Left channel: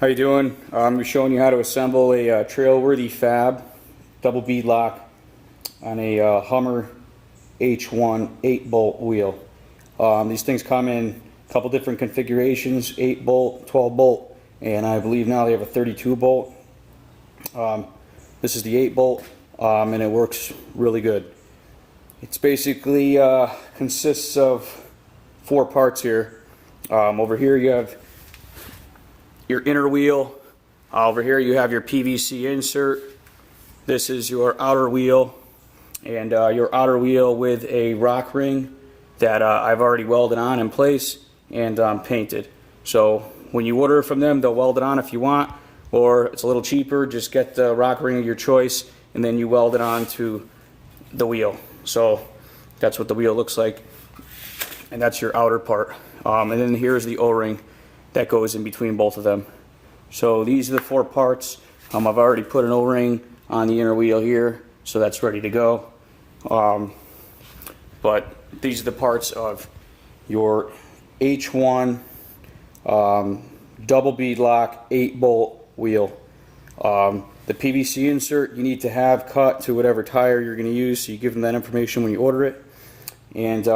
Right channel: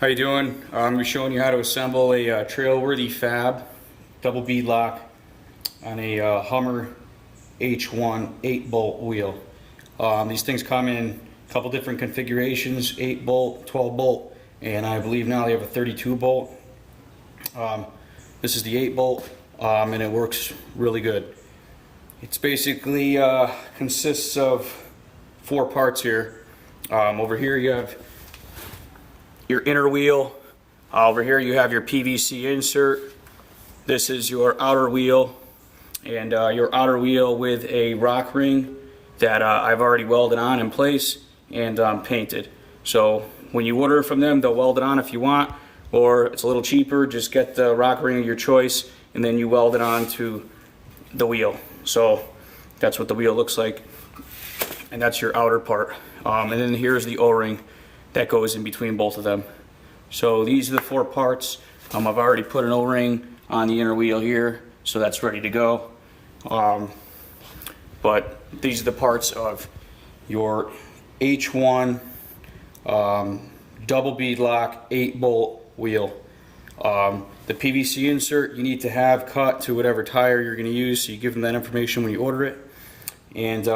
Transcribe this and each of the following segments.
How you doing? I'm showing you how to assemble a trail-worthy fab double beadlock on a Hummer H1 8-bolt wheel. These things come in a couple different configurations, 8-bolt, 12-bolt, and I believe now they have a 32-bolt. This is the 8-bolt, and it works really good. It's basically consists of 4 parts here. Over here you have your inner wheel. Over here you have your PVC insert. This is your outer wheel, and your outer wheel with a rock ring that I've already welded on in place and painted. So when you order from them, they'll weld it on if you want, or it's a little cheaper, just get the rock ring of your choice and then you weld it on to the wheel. So that's what the wheel looks like, and that's your outer part. And then here's the O-ring that goes in between both of them. So these are the 4 parts. I've already put an O-ring on the inner wheel here, so that's ready to go. But these are the parts of your H1 double beadlock 8-bolt wheel. The PVC insert you need to have cut to whatever tire you're going to use, so you give them that information when you order it. And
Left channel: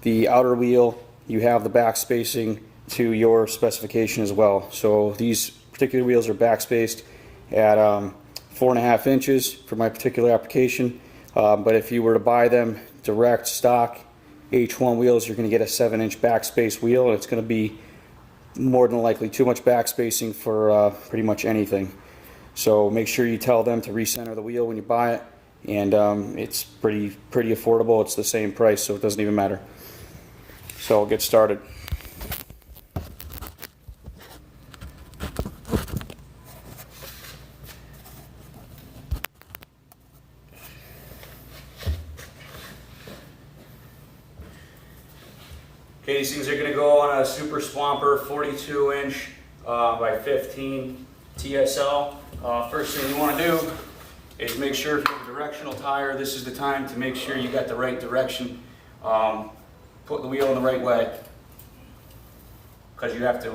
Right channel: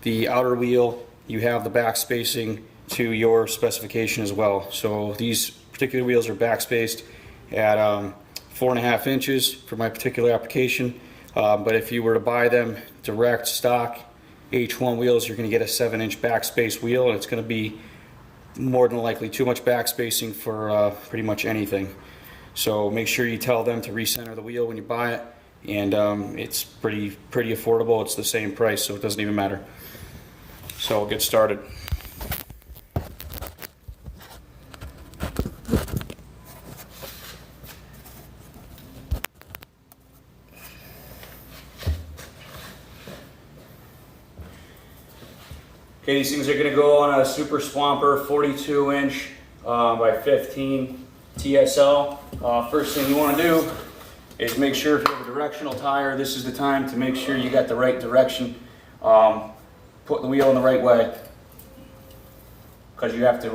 the outer wheel, you have the back spacing to your specification as well. So these particular wheels are back spaced at 4.5 inches for my particular application. But if you were to buy them direct stock H1 wheels, you're going to get a 7-inch back space wheel, and it's going to be more than likely too much back spacing for pretty much anything. So make sure you tell them to recenter the wheel when you buy it, and it's pretty affordable. It's the same price, so it doesn't even matter. So I'll get started. Okay, these things are going to go on a Super Swamper 42-inch by 15 TSL. First thing you want to do is make sure if you have a directional tire, this is the time to make sure you got the right direction. Put the wheel in the right way, because you have to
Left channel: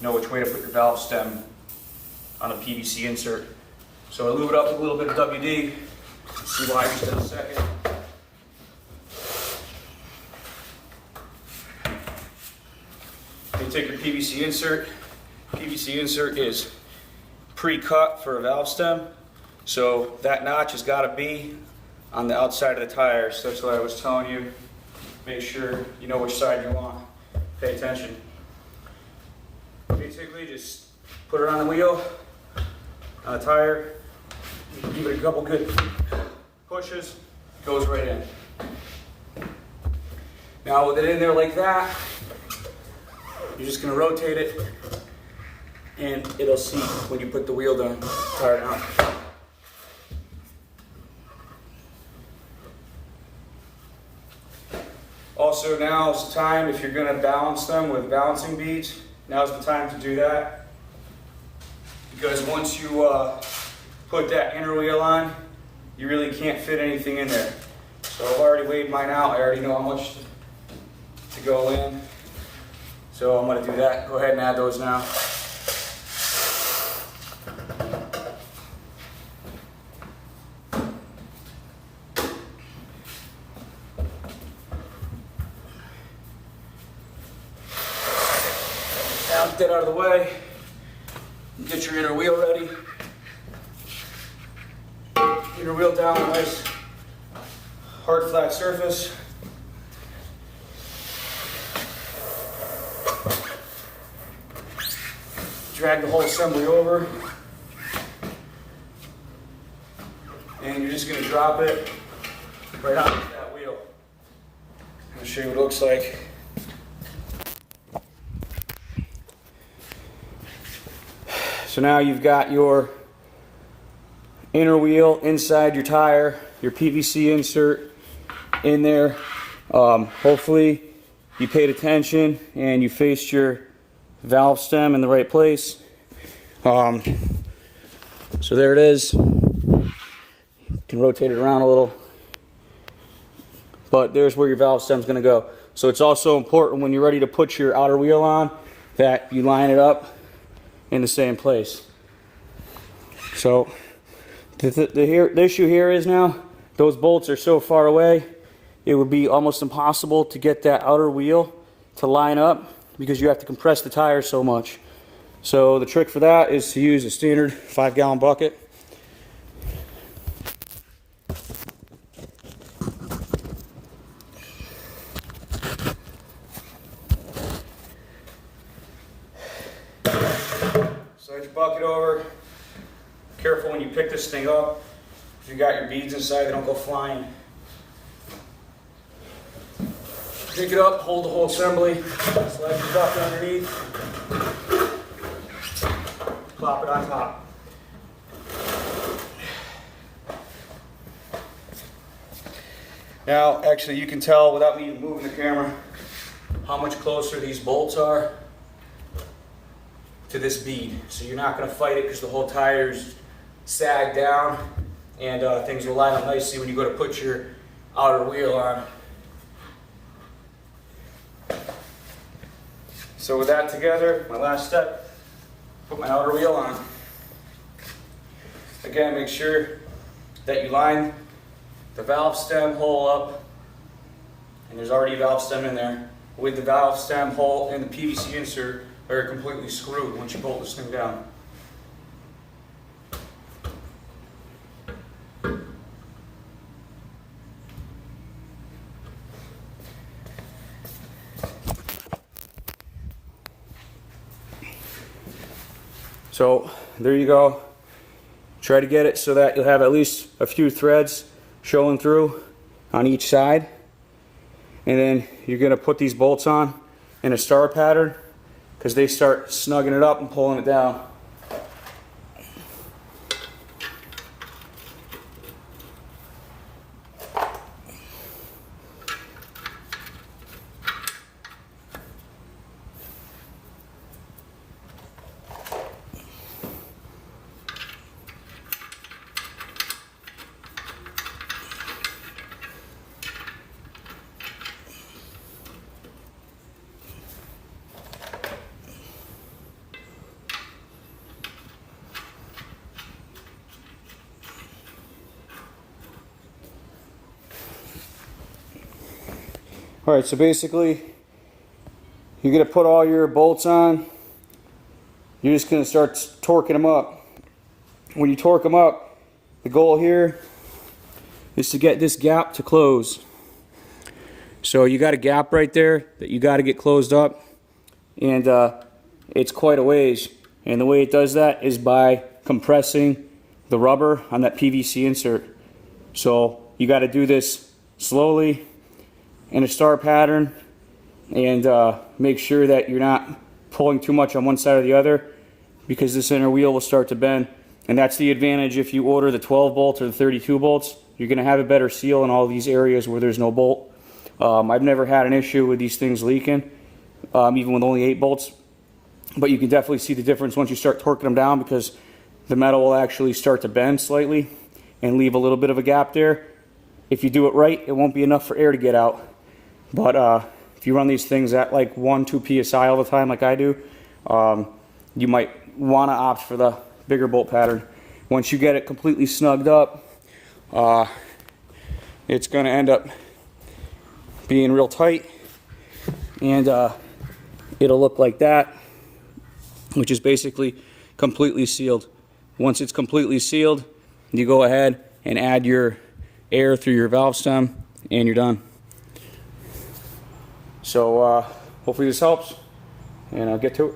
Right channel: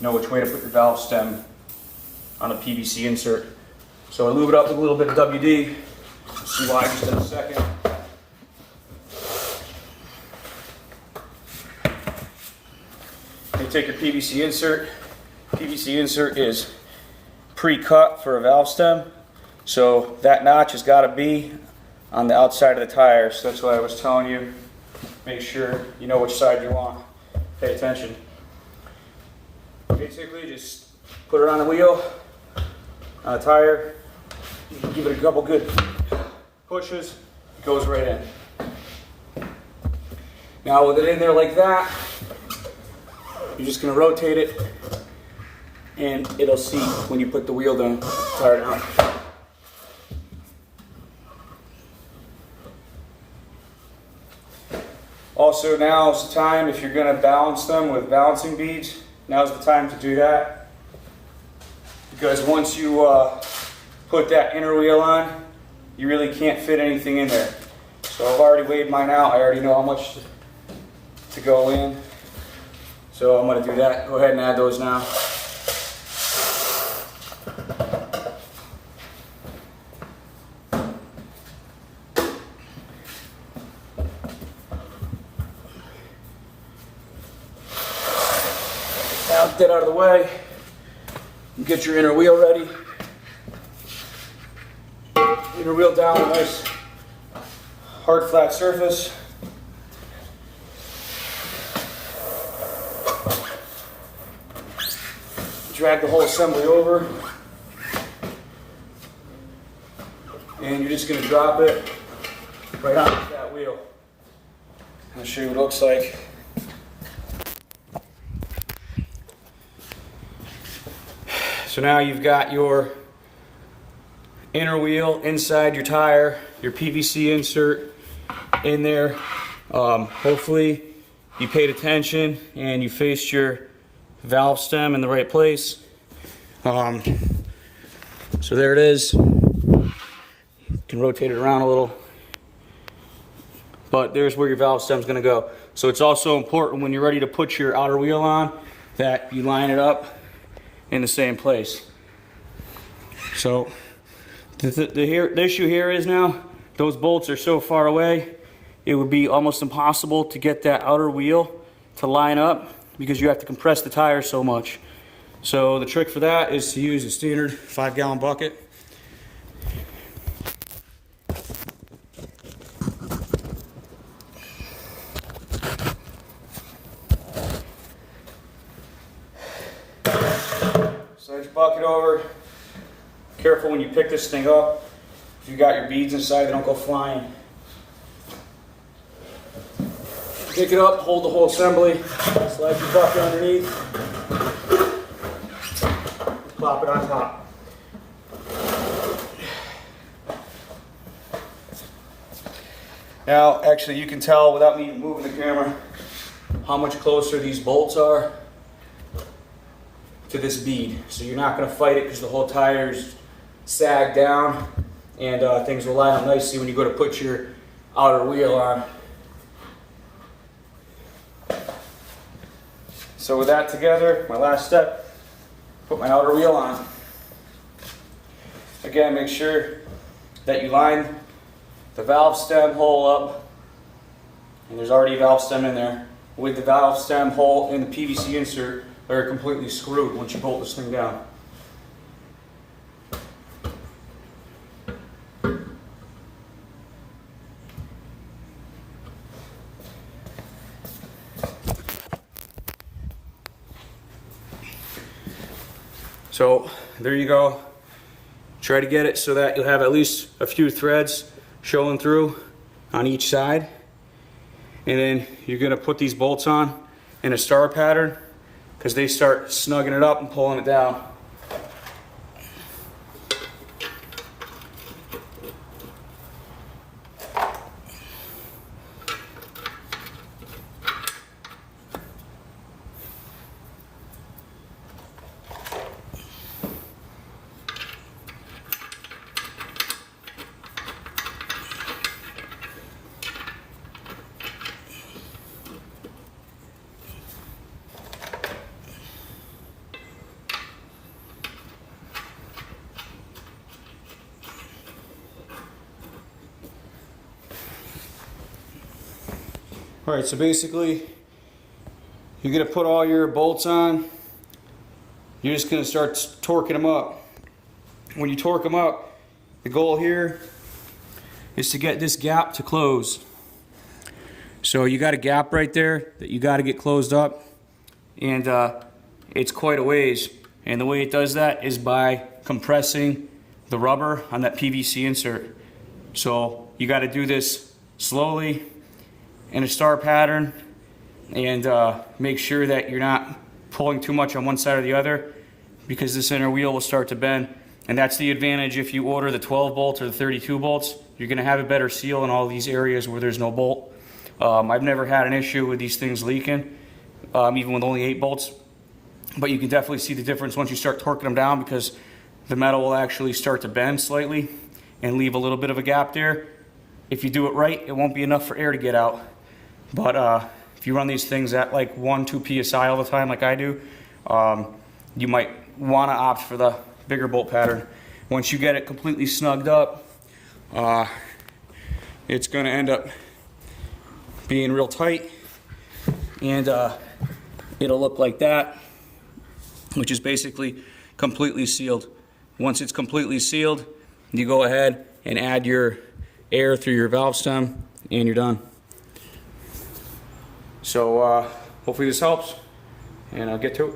know which way to put your valve stem on a PVC insert. So I lube it up with a little bit of WD. See why just in a second. You take your PVC insert. PVC insert is pre-cut for a valve stem, so that notch has got to be on the outside of the tire. So that's why I was telling you, make sure you know which side you want. Pay attention. Basically, just put it on the wheel, on the tire. You can give it a couple good pushes. It goes right in. Now with it in there like that, you're just going to rotate it, and it'll seat when you put the wheel down, tire down. Also, now's the time, if you're going to balance them with balancing beads, now's the time to do that. Because once you put that inner wheel on, you really can't fit anything in there. So I've already weighed mine out. I already know how much to go in. So I'm going to do that. Go ahead and add those now. Now get that out of the way. Get your inner wheel ready. Inner wheel down a nice hard flat surface. Drag the whole assembly over, and you're just going to drop it right onto that wheel. I'll show you what it looks like. So now you've got your inner wheel inside your tire, your PVC insert in there. Hopefully you paid attention and you faced your valve stem in the right place. So there it is. You can rotate it around a little, but there's where your valve stem is going to go. So it's also important when you're ready to put your outer wheel on that you line it up in the same place. So the issue here is now those bolts are so far away, it would be almost impossible to get that outer wheel to line up because you have to compress the tire so much. So the trick for that is to use a standard 5-gallon bucket. Slide your bucket over. Careful when you pick this thing up. If you got your beads inside, they don't go flying. Pick it up, hold the whole assembly, slide your bucket underneath, plop it on top. Now, actually, you can tell without me moving the camera how much closer these bolts are to this bead. So you're not going to fight it because the whole tire's sagged down, and things will line up nicely when you go to put your outer wheel on. So with that together, my last step, put my outer wheel on. Again, make sure that you line the valve stem hole up, and there's already a valve stem in there, with the valve stem hole and the PVC insert that are completely screwed once you bolt this thing down. So there you go. Try to get it so that you'll have at least a few threads showing through on each side. And then you're going to put these bolts on in a star pattern because they start snugging it up and pulling it down. Alright, so basically, you're going to put all your bolts on. You're just going to start torquing them up. When you torque them up, the goal here is to get this gap to close. So you got a gap right there that you got to get closed up, and it's quite a ways. And the way it does that is by compressing the rubber on that PVC insert. So you got to do this slowly in a star pattern, and make sure that you're not pulling too much on one side or the other, because this inner wheel will start to bend. And that's the advantage if you order the 12 bolts or the 32 bolts. You're going to have a better seal in all these areas where there's no bolt. I've never had an issue with these things leaking, even with only 8 bolts. But you can definitely see the difference once you start torquing them down, because the metal will actually start to bend slightly and leave a little bit of a gap there. If you do it right, it won't be enough for air to get out. But if you run these things at like 1-2 psi all the time like I do, you might want to opt for the bigger bolt pattern. Once you get it completely snugged up, it's going to end up being real tight, and it'll look like that, which is basically completely sealed. Once it's completely sealed, you go ahead and add your air through your valve stem, and you're done. So hopefully this helps, and I'll get to it.